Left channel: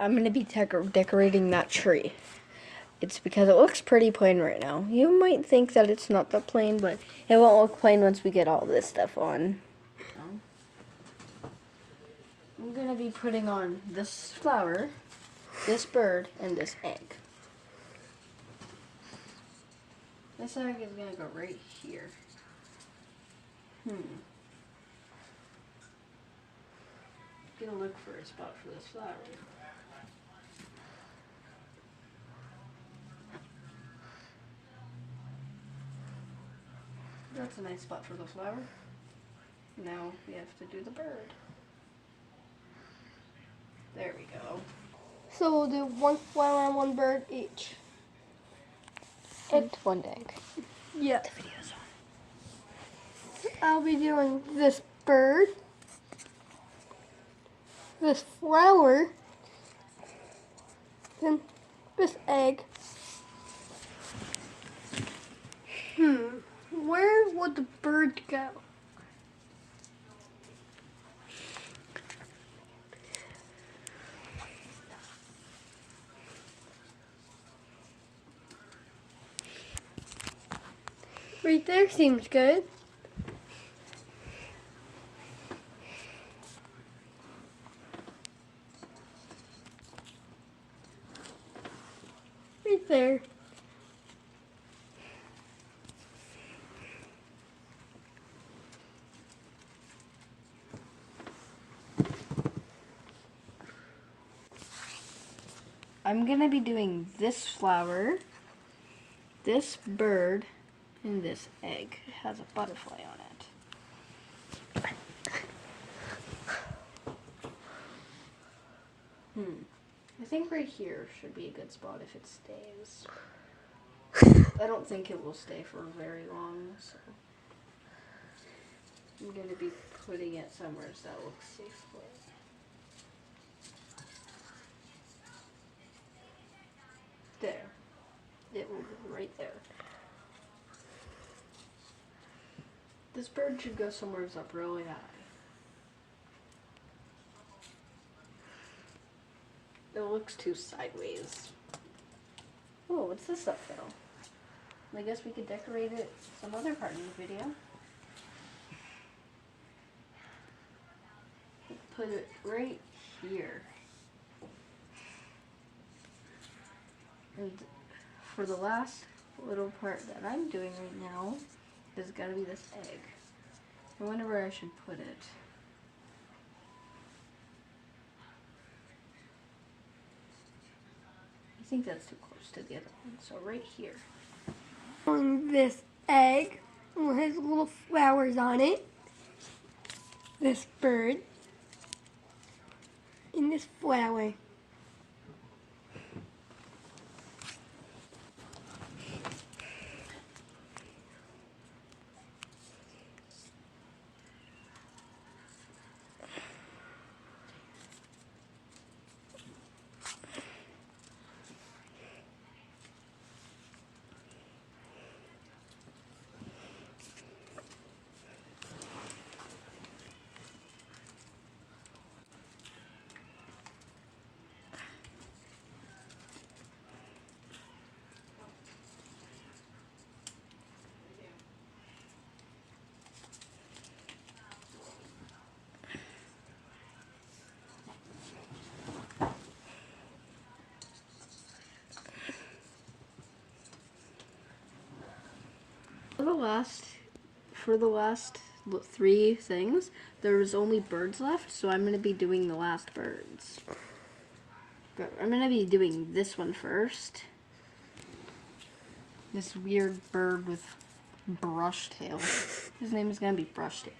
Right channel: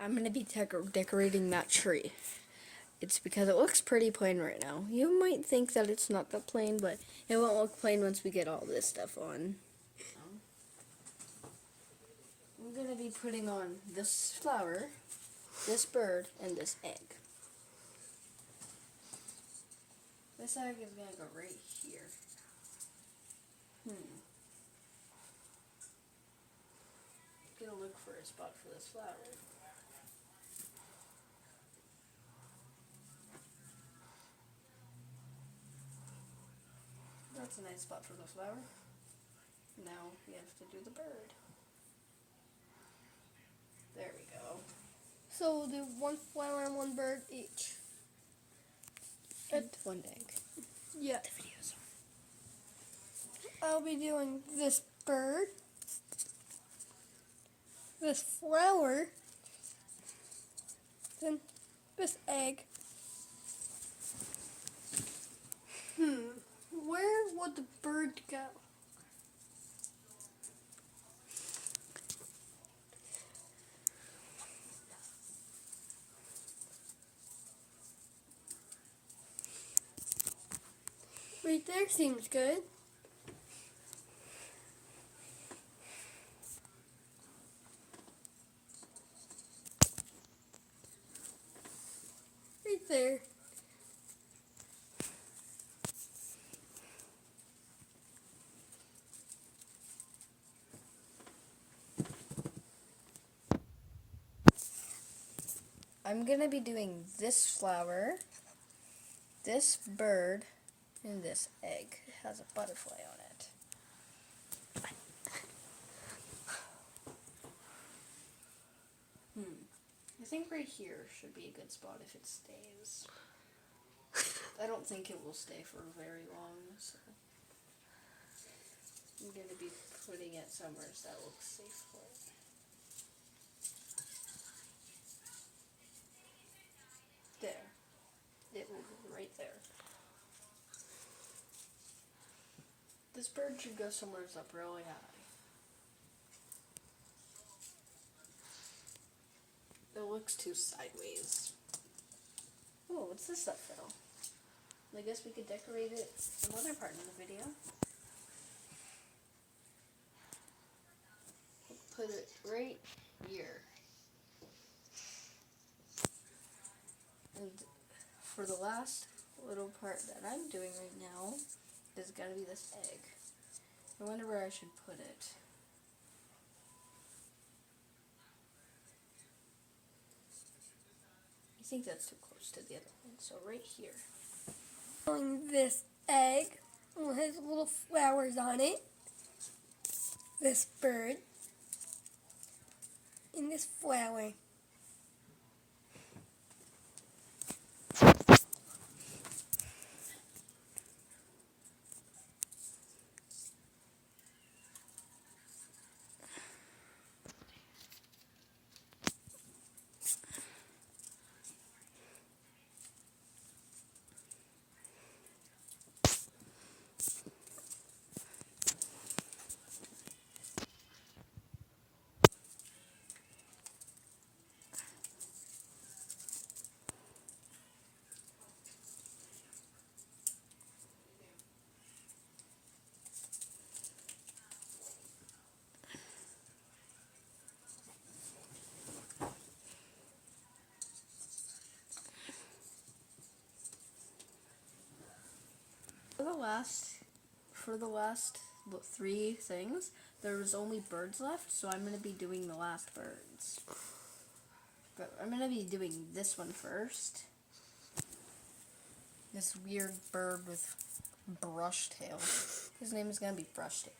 I'm going to be decorating that tree. It's because it looks pretty plain right now. You might think that it's not that plain, but it won't look plain once we get all this stuff on. I'm going to be putting on this flower, this bird, and this egg. This egg is going to go right here. Gonna look for a spot for this flower. That's a nice spot for the flower. Now we have to do the bird. There we go. So we'll do one flower and one bird each. And one egg. Yeah. The video's on. I'll be doing this bird, this flower, then this egg. Where would the bird go? Right there seems good. Right there. I'm gonna be doing this flower, this bird, and this egg. It has a butterfly on it. I think right here should be a good spot if it stays. I don't think it will stay for very long, so I'm gonna be putting it somewhere so that looks safe for it. There. It will go right there. This bird should go somewhere up really high. It looks too sideways. Oh, what's this up though? I guess we could decorate it some other part of the video. Put it right here. And for the last little part that I'm doing right now is gotta be this egg. I wonder where I should put it. I think that's too close to the other one, so right here. On this egg, it has little flowers on it. This bird. And this flower. For the last three things, there's only birds left, so I'm going to be doing the last birds. I'm going to be doing this one first. This weird bird with brush tail. His name is going to be Brushtail.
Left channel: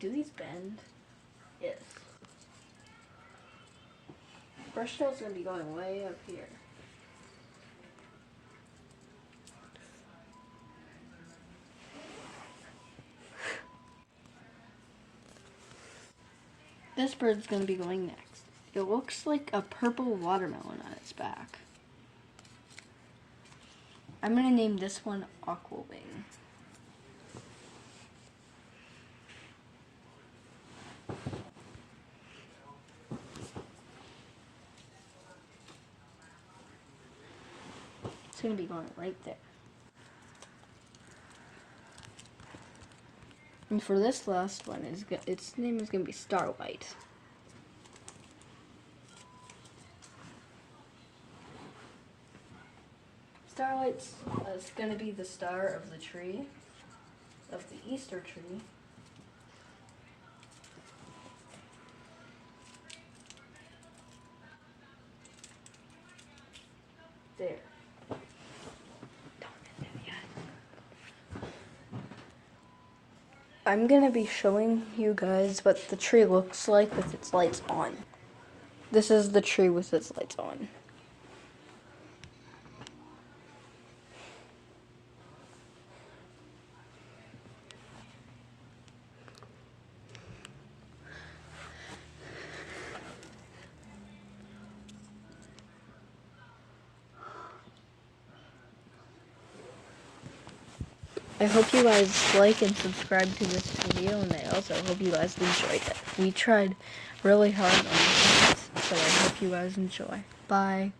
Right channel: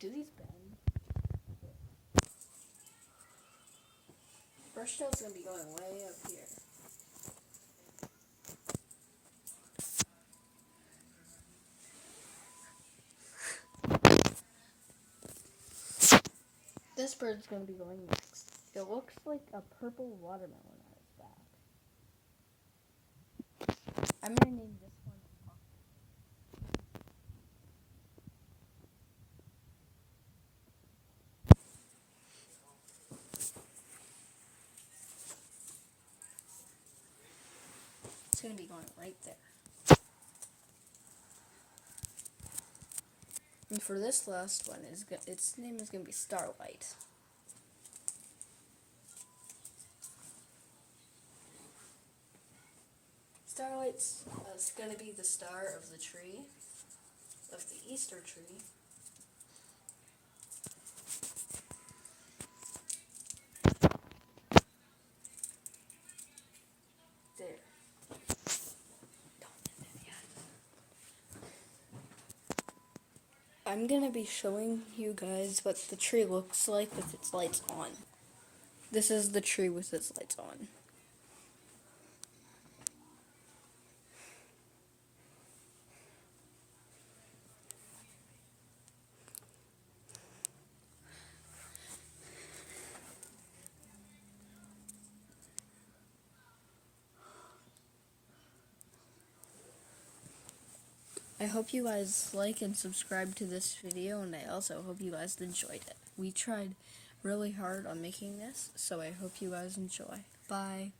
Do these bend? Yes. Brushtail's going to be going way up here. This bird's going to be going next. It looks like a purple watermelon on its back. I'm going to name this one Aqua Wing. It's gonna be going right there. And for this last one, its name is gonna be Starlight. Starlight's is gonna be the star of the tree, of the Easter tree. There. I'm gonna be showing you guys what the tree looks like with its lights on. This is the tree with its lights on. I hope you guys like and subscribe to this video, and I also hope you guys enjoyed it. We tried really hard on this, so I hope you guys enjoy. Bye.